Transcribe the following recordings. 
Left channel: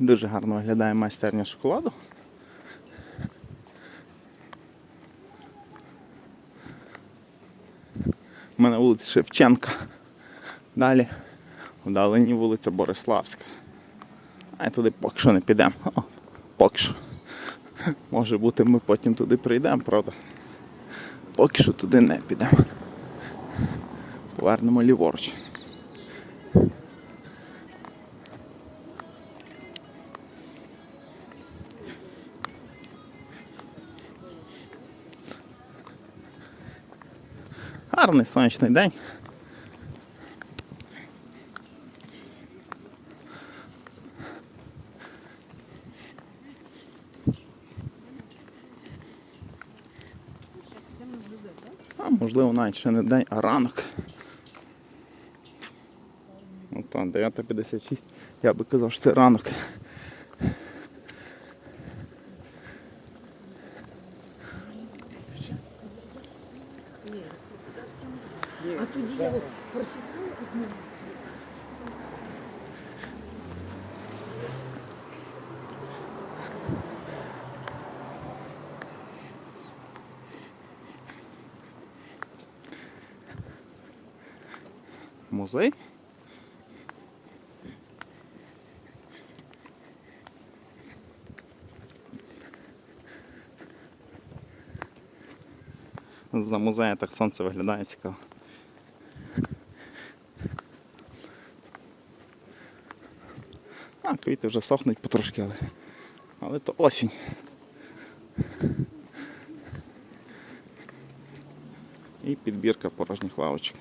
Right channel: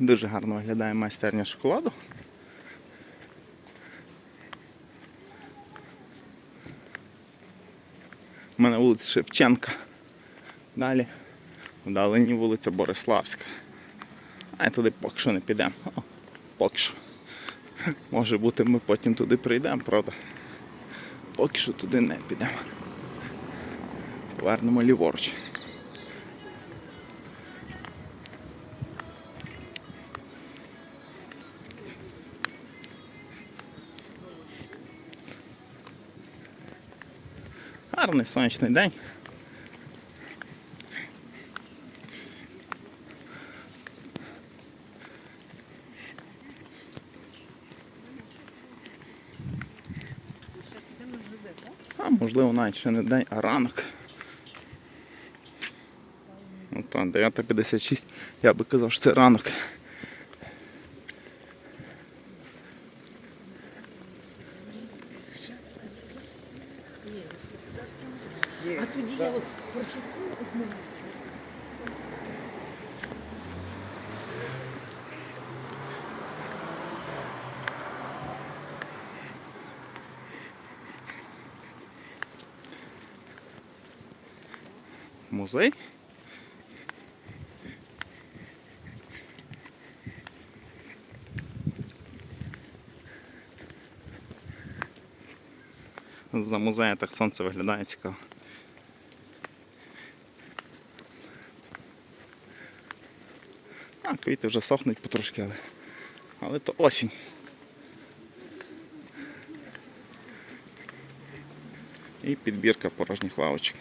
Дуже гарно виглядає майстерня шоколаду. У мене вулиця Шевченка. Далі вдалині вулиця Бориславська. А туди поки що не підемо. Поки що. Може бути, ми потім туди прийдемо, правда? Поки що туди не підемо. Повернемо ліворуч. Гарний сонячний день. А можливо навіть ще не день, а ранок. Ну так, 9.56, я би казав, що це ранок. А тоді я от прочитала одну. Музей. За музею так сонце виглядає цікаво. А, квіти вже сохнуть потрошки, але, але то осінь. І підбірка порожніх лавочок.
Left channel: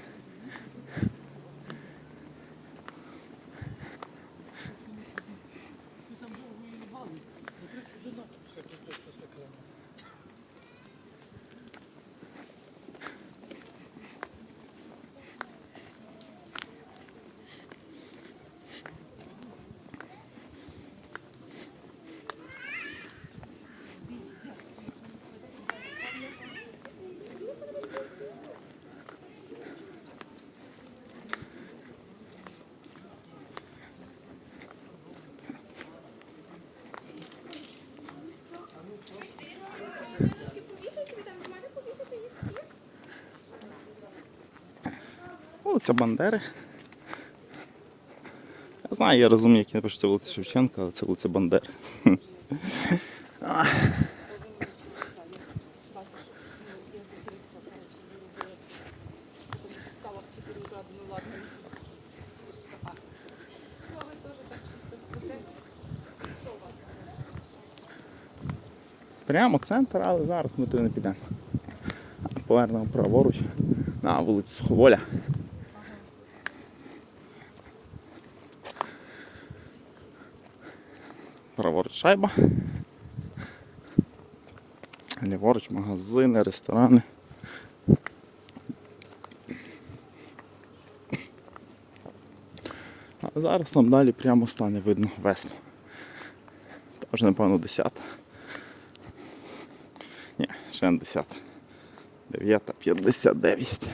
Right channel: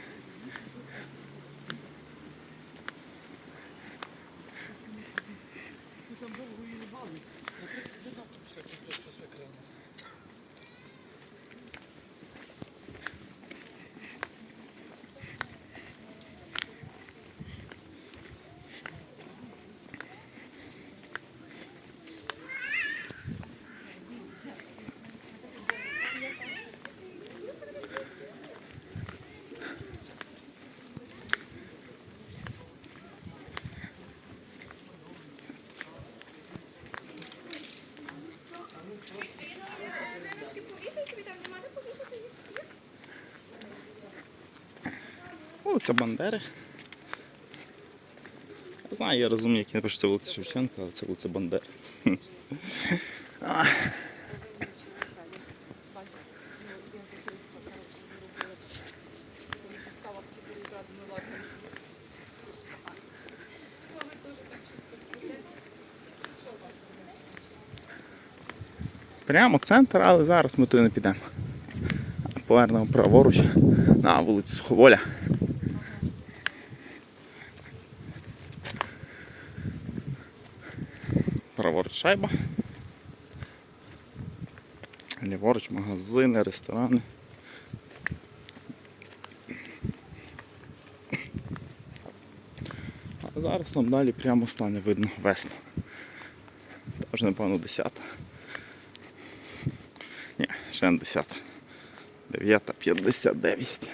Вулиця Бандери. Я знаю, я розумію, як я пишу, це вулиця Шевченка, але це вулиця Бандери. Прямо центр, але зараз ми туди не підемо. Повернемо праворуч на вулицю Суховоля. Праворуч шайба. Ліворуч магазини, ресторани. А зараз нам далі прямо стане видно весну. Тож, напевно, 10. Ні, ще не 10. 9.59.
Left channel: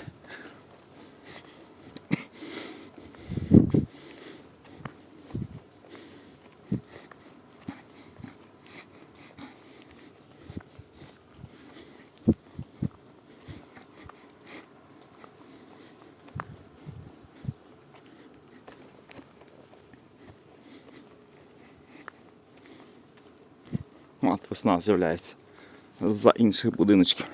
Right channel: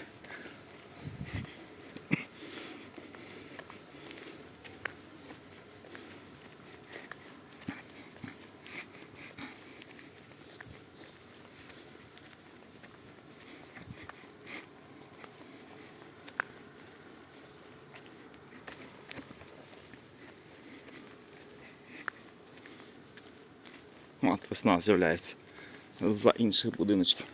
От весна з'являється за інших будиночків.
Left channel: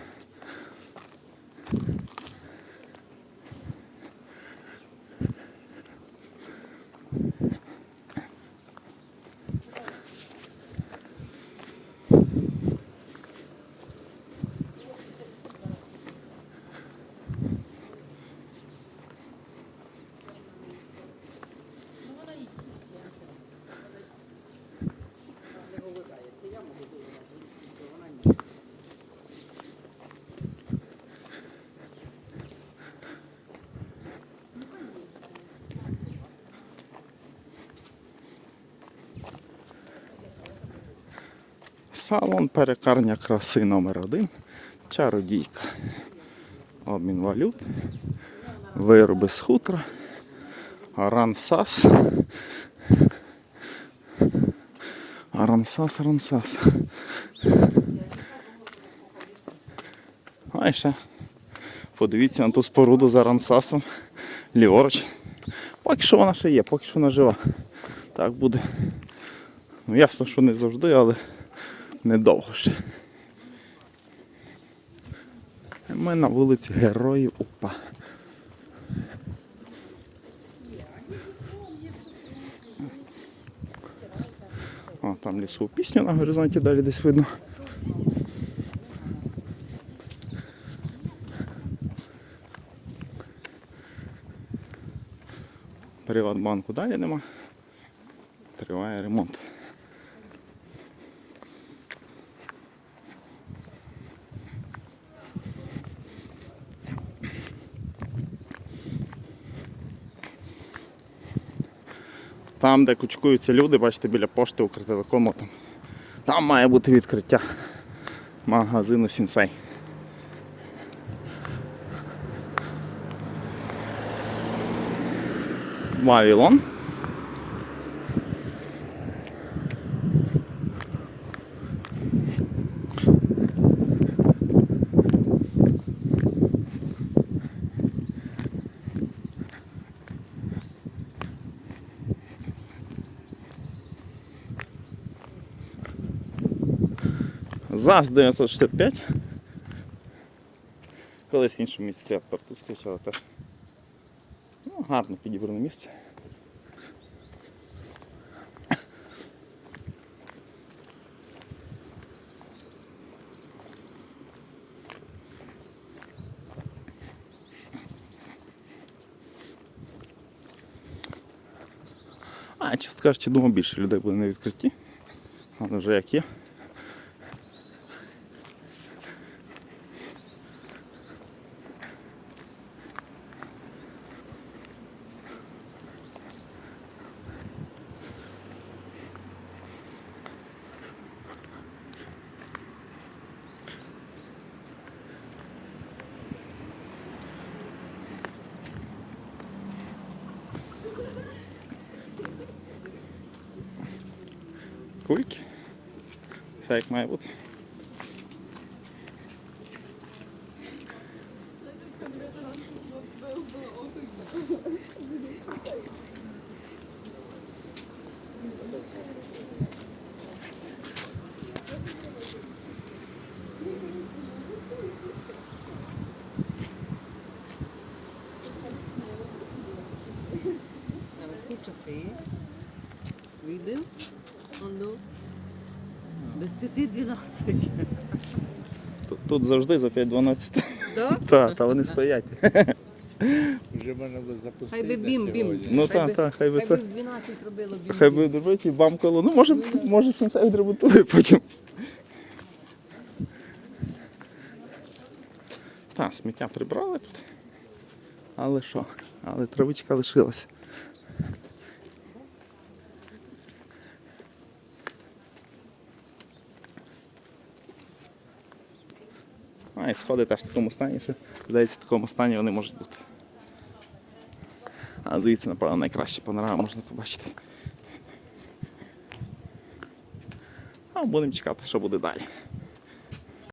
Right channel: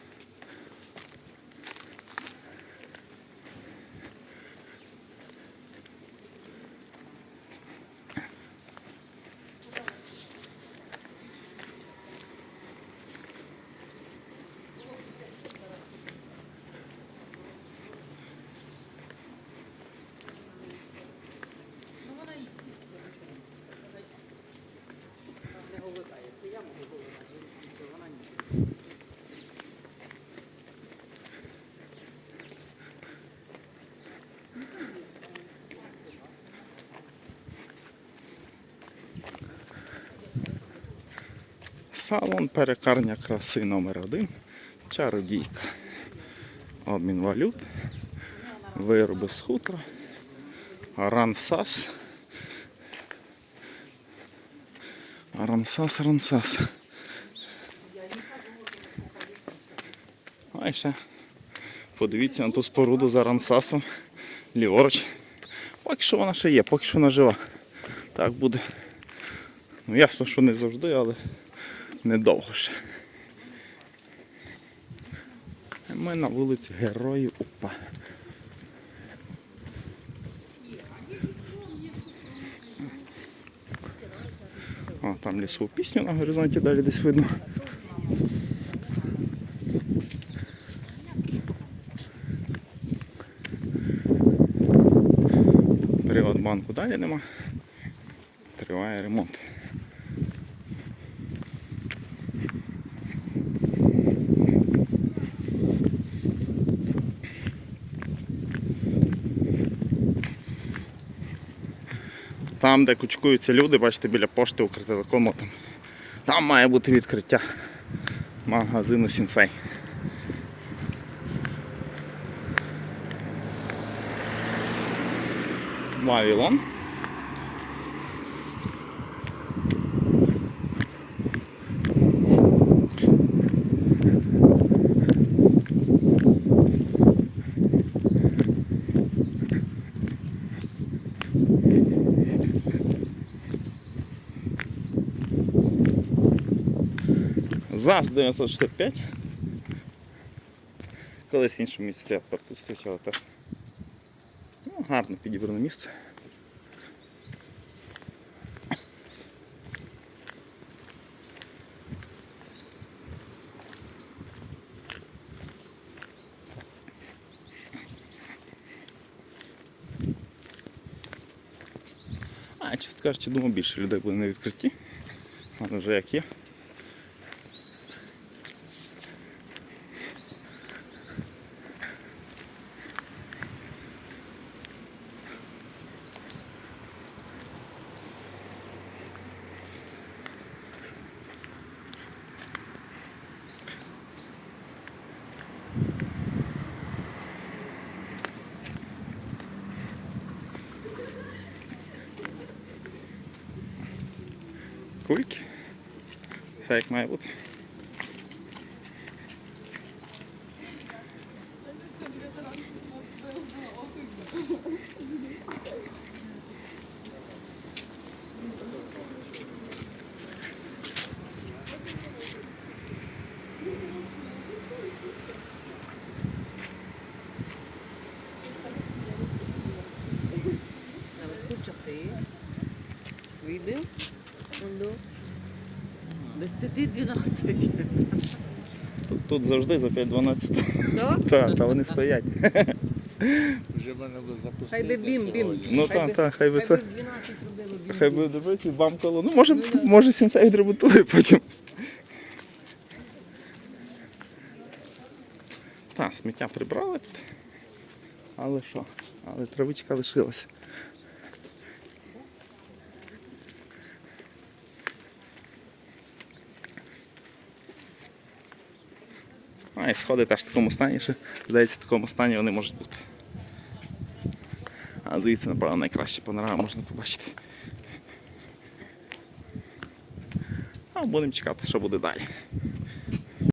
Салон перекарня краси номер один. Чародійка. Обмін валют. Вироби з хутра. Рансас. Арансас, Арансас. А і ще. Подивіться на ту споруду за Арансасом. Ліворуч. Поки що вона ще є, поки що вона жива. Так буде. Ну ясно, що не завжди, але недовго ще. Ми на вулиці Героїв УПА. О, там лісову пісню на горизонті далі десь видно. Приватбанку далі нема. Триває ремонт. Там, де кучкуються люди, бачите, біля пошти Укртелекому, там, там має бути відкриття магазину Сінсей. Вавилон. ЗАЗ 965. Колись я тепер тут зустрічав теж. Ну, гарно підібране місце. А, чесно кажучи, думаю, більше людей буде на відкритті. Але вже як є. Кульки. Все як має бути. Наверху часи. Видив? Без п'яти дванадцять. Тут, тут завжди за 5-12. Так? Так, та вони стоять. Вже мене би запустити Хай би бім, бім. Ну так, так, хай би Хай це. би 12 робило бім. Хай би добити і бам коло. Ну може, може сенсей відремонтує потім. Так, сміття прибрали тут. Але що? Але травичка лишилась. А, і сходи теж в такому стані, що здається, в такому стані вони можуть бути. А звідси, напевно, найкраще панорама можна побачити. А будемо чекати, що буде далі.